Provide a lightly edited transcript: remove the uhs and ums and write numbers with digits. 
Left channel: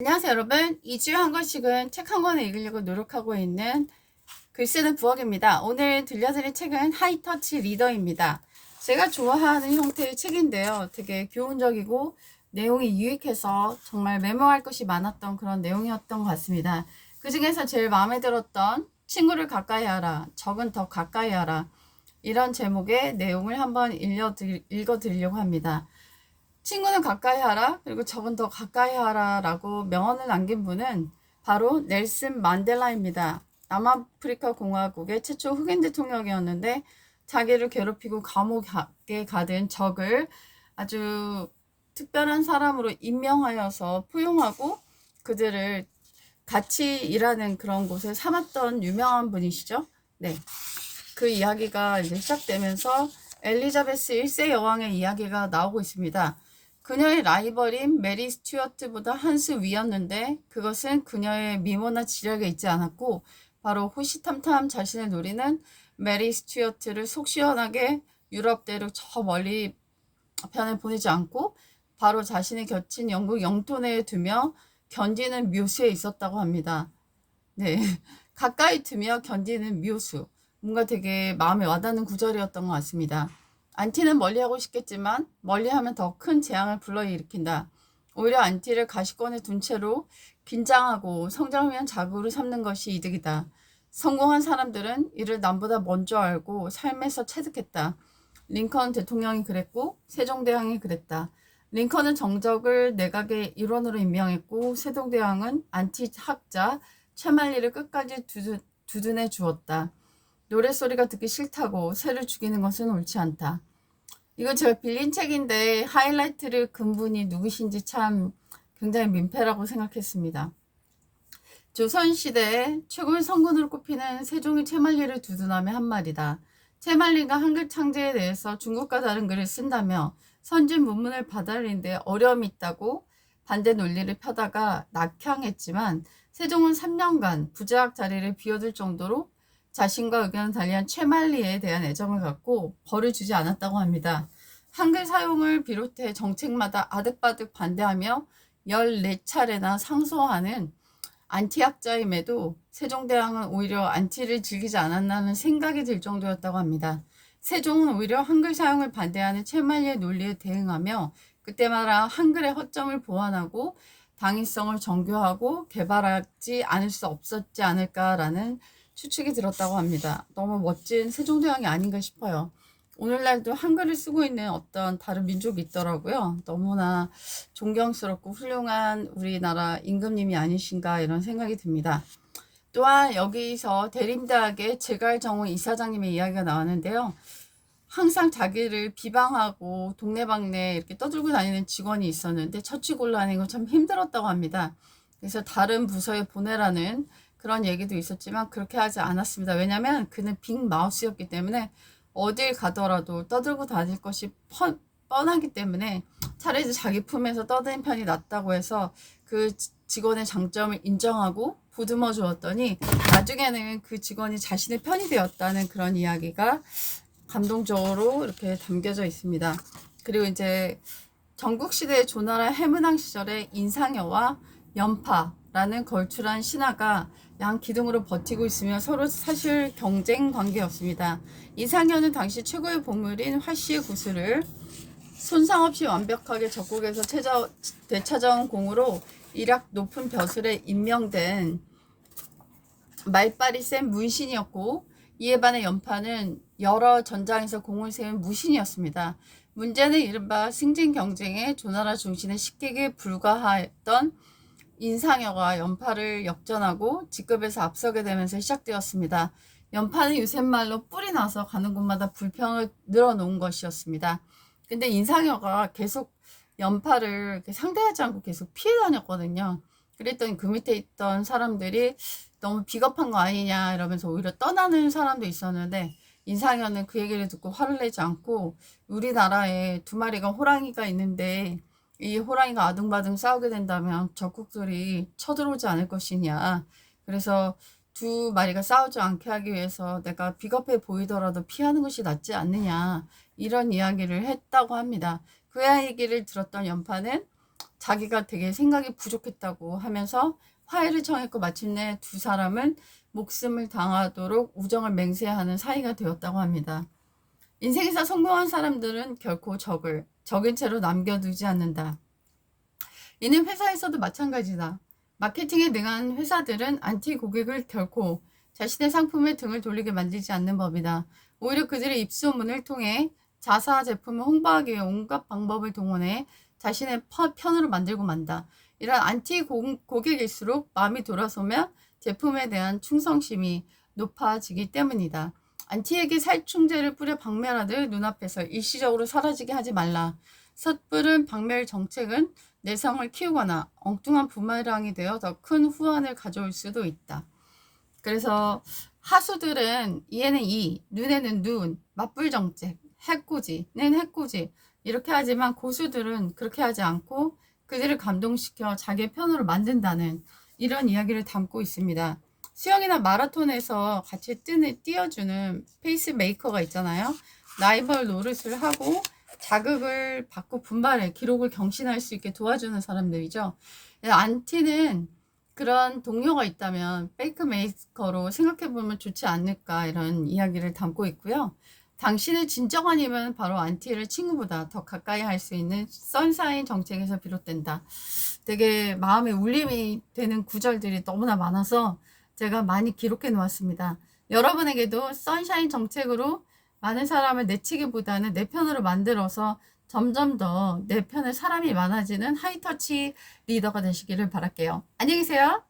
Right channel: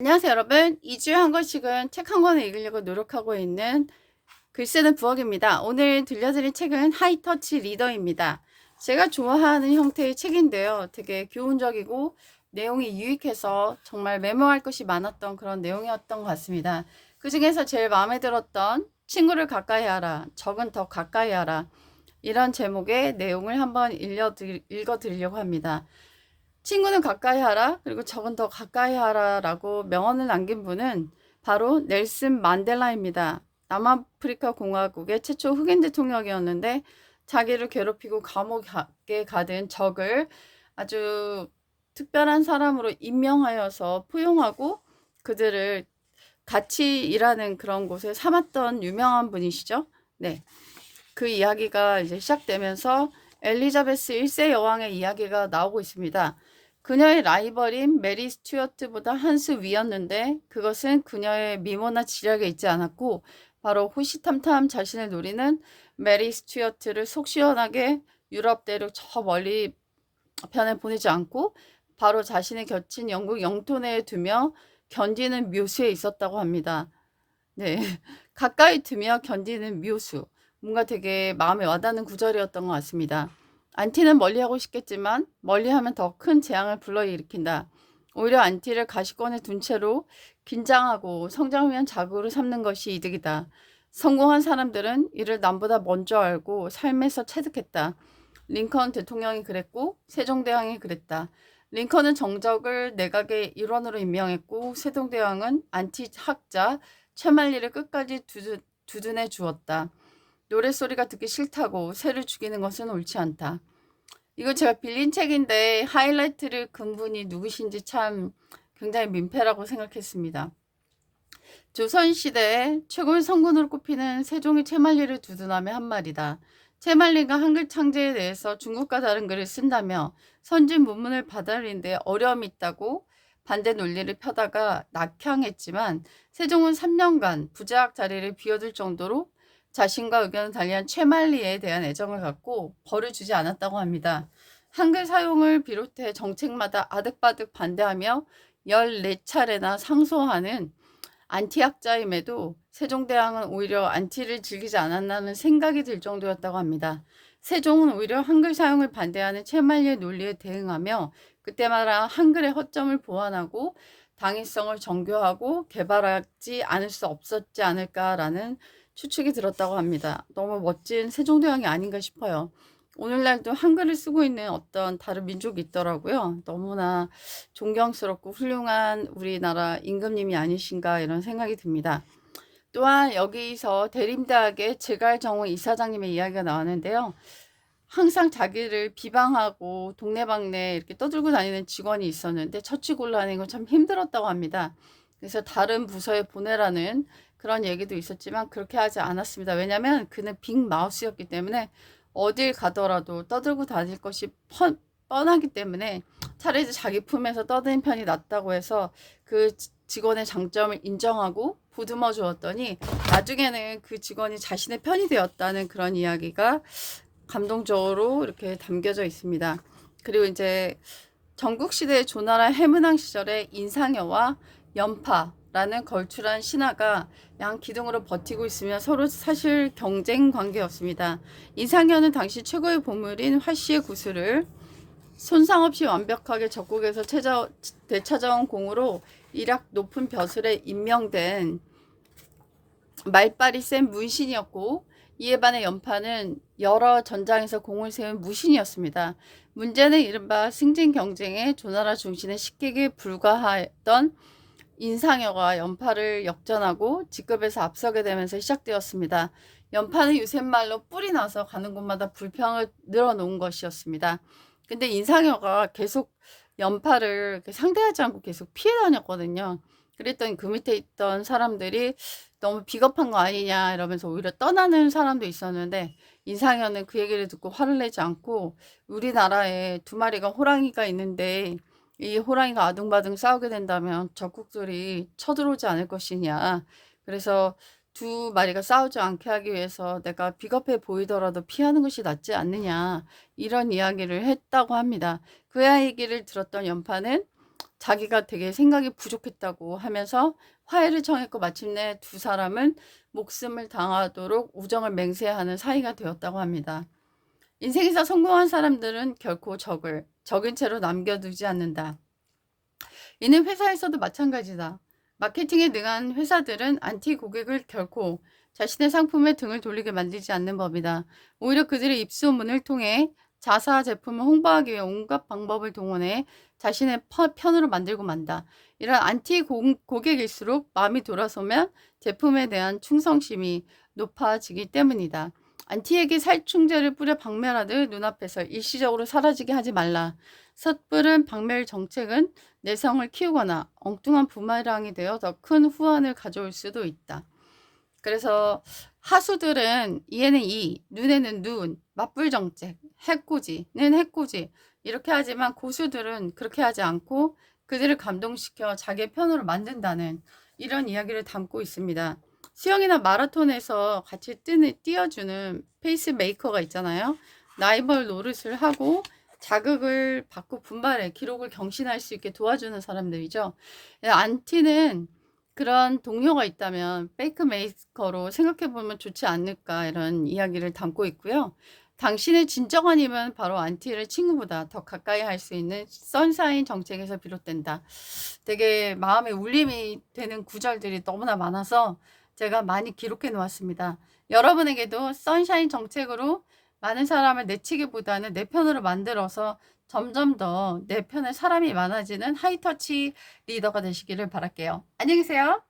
안녕하세요 여러분. 2주에 한 권씩은 책 한 권을 읽으려고 노력하고 있는 글쓰는 부엌입니다. 오늘 들려드릴 책은 하이터치 리더입니다. 제가 좋아하는 형태의 책인데요. 되게 교훈적이고 내용이 유익해서 정말 메모할 것이 많았던 그런 내용이었던 것 같습니다. 그 중에서 제일 마음에 들었던 친구를 가까이 하라, 적은 더 가까이 하라, 이런 제목의 내용을 한번 읽어드리려고 합니다. 친구는 가까이 하라, 그리고 적은 더 가까이 하라 라고 명언을 남긴 분은 바로 넬슨 만델라입니다. 남아프리카 공화국의 최초 흑인 대통령이었는데 자기를 괴롭히고 감옥에 가둔 적을 아주 특별한 사람으로 임명하여서 포용하고 그들을 같이 일하는 그런 곳에 삼았던 유명한 분이시죠. 네. 그 이야기가 이제 시작되면서 엘리자베스 1세 여왕의 이야기가 나오고 있습니다. 그녀의 라이벌인 메리 스튜어트보다 한 수 위였는데 그것은 그녀의 미모나 지략에 있지 않았고 바로 호시탐탐 자신을 노리는 메리 스튜어트를 속 시원하게 유럽대로 저 멀리 편에 보내지 않고 바로 자신의 곁인 영국 영토내에 두며 견디는 묘수에 있었다고 합니다. 네, 가까이 두며 견디는 묘수. 뭔가 되게 마음에 와닿는 구절이었던 것 같습니다. 안티는 멀리하고 싶겠지만 멀리하면 더 큰 재앙을 불러일으킨다. 오히려 안티를 가시권에 둔 채로 긴장하고 성장을 위한 자극으로 삼는 것이 이득이다. 성공한 사람들은 이를 남보다 먼저 알고 삶에서 체득했다. 링컨 대통령이 그랬고 세종대왕이 그랬다. 링컨은 정적을 내각의 일원으로 임명했고 세종대왕은 안티 학자 최만리를 끝까지 두둔해 주었다. 노랫소리가 듣기 싫다고 새를 죽이는 것은 옳지 않다. 이거 제가 빌린 책인데 하이라이트를 근 분이 누구신지 참 굉장히 민폐라고 생각했습니다. 조선시대에 최고의 성군으로 꼽히는 세종이 최만리를 두둔하며 한 말이다. 최만리가 한글 창제에 대해서 중국과 다른 글을 쓴다며 선진 문문을 받아들이는데 어려움이 있다고 반대 논리를 펴다가 낙향했지만 세종은 3년간 부재학 자리를 비워둘 정도로 자신과 의견을 달리한 최만리에 대한 애정을 갖고 벌을 주지 않았다고 합니다. 한글 사용을 비롯해 정책마다 아득바득 반대하며 14차례나 상소하는 안티학자임에도 세종대왕은 오히려 안티를 즐기지 않았나는 생각이 들 정도였다고 합니다. 세종은 오히려 한글 사용을 반대하는 채말리의 논리에 대응하며 그때마다 한글의 허점을 보완하고 당위성을 정교하고 개발하지 않을 수 없었지 않을까라는 추측이 들었다고 합니다. 너무 멋진 세종대왕이 아닌가 싶어요. 오늘날도 한글을 쓰고 있는 어떤 다른 민족이 있더라고요. 너무나 존경스럽고 훌륭한 우리나라 임금님이 아니신가 이런 생각이 듭니다. 또한 여기서 대림대학의 제갈정호 이사장님의 이야기가 나왔는데요. 항상 자기를 비방하고 동네방네 이렇게 떠들고 다니는 직원이 있었는데 처치곤란한 건 참 힘들었다고 합니다. 그래서 다른 부서에 보내라는 그런 얘기도 있었지만 그렇게 하지 않았습니다. 왜냐하면 그는 빅 마우스였기 때문에 어딜 가더라도 떠들고 다닐 것이 뻔하기 때문에 차라리 자기 품에서 떠드는 편이 낫다고 해서 그 직원의 장점을 인정하고 보듬어 주었더니 나중에는 그 직원이 자신의 편이 되었다는 그런 이야기가 감동적으로 이렇게 담겨져 있습니다. 그리고 이제 전국시대의 조나라 해문왕 시절에 인상여와 연파라는 걸출한 신하가 양 기둥으로 버티고 있으며 서로 사실 경쟁 관계였습니다. 인상여는 당시 최고의 보물인 활시의 구슬을 손상 없이 완벽하게 적국에서 되찾아온 공으로 일약 높은 벼슬에 임명된 말빨이 센 문신이었고 이에 반해 연파는 여러 전장에서 공을 세운 무신이었습니다. 문제는 이른바 승진 경쟁에 조나라 중신의 식객에 불과했던 인상여가 연파를 역전하고 직급에서 앞서게 되면서 시작되었습니다. 연파는 요새말로 뿔이 나서 가는 곳마다 불평을 늘어놓은 것이었습니다. 근데 인상여가 계속 연파를 상대하지 않고 계속 피해 다녔거든요. 그랬더니 그 밑에 있던 사람들이 너무 비겁한 거 아니냐 이러면서 오히려 떠나는 사람도 있었는데 인상현은 그 얘기를 듣고 화를 내지 않고 우리나라에 두 마리가 호랑이가 있는데 이 호랑이가 아둥바둥 싸우게 된다면 적국들이 쳐들어오지 않을 것이냐. 그래서 두 마리가 싸우지 않게 하기 위해서 내가 비겁해 보이더라도 피하는 것이 낫지 않느냐. 이런 이야기를 했다고 합니다. 그 얘기를 들었던 연파는 자기가 되게 생각이 부족했다고 하면서 화해를 청했고 마침내 두 사람은 목숨을 당하도록 우정을 맹세하는 사이가 되었다고 합니다. 인생에서 성공한 사람들은 결코 적은 채로 남겨두지 않는다. 이는 회사에서도 마찬가지다. 마케팅에 능한 회사들은 안티 고객을 결코 자신의 상품에 등을 돌리게 만들지 않는 법이다. 오히려 그들의 입소문을 통해 자사 제품을 홍보하기 위해 온갖 방법을 동원해 자신의 편으로 만들고 만다. 이런 안티 고객일수록 마음이 돌아서면 제품에 대한 충성심이 높아지기 때문이다. 안티에게 살충제를 뿌려 박멸하듯 눈앞에서 일시적으로 사라지게 하지 말라. 섣부른 박멸 정책은 내성을 키우거나 엉뚱한 부메랑이 되어 더 큰 후환을 가져올 수도 있다. 그래서 하수들은 이에는 이, 눈에는 눈, 맞불 정책, 해코지는 해코지 이렇게 하지만 고수들은 그렇게 하지 않고 그들을 감동시켜 자기의 편으로 만든다는 이런 이야기를 담고 있습니다. 수영이나 마라톤에서 같이 뛰어주는 페이스메이커가 있잖아요. 라이벌 노릇을 하고 자극을 받고 분발해 기록을 경신할 수 있게 도와주는 사람들이죠. 안티는 그런 동료가 있다면 페이크 메이커로 생각해보면 좋지 않을까 이런 이야기를 담고 있고요. 당신의 진정한 힘은 바로 안티를 친구보다 더 가까이 할 수 있는 선샤인 정책에서 비롯된다. 되게 마음에 울림이 되는 구절들이 너무나 많아서 제가 많이 기록해 놓았습니다. 여러분에게도 선샤인 정책으로 많은 사람을 내치기보다는 내 편으로 만들어서 점점 더 내 편에 사람이 많아지는 하이터치 리더가 되시기를 바랄게요. 안녕히 계세요.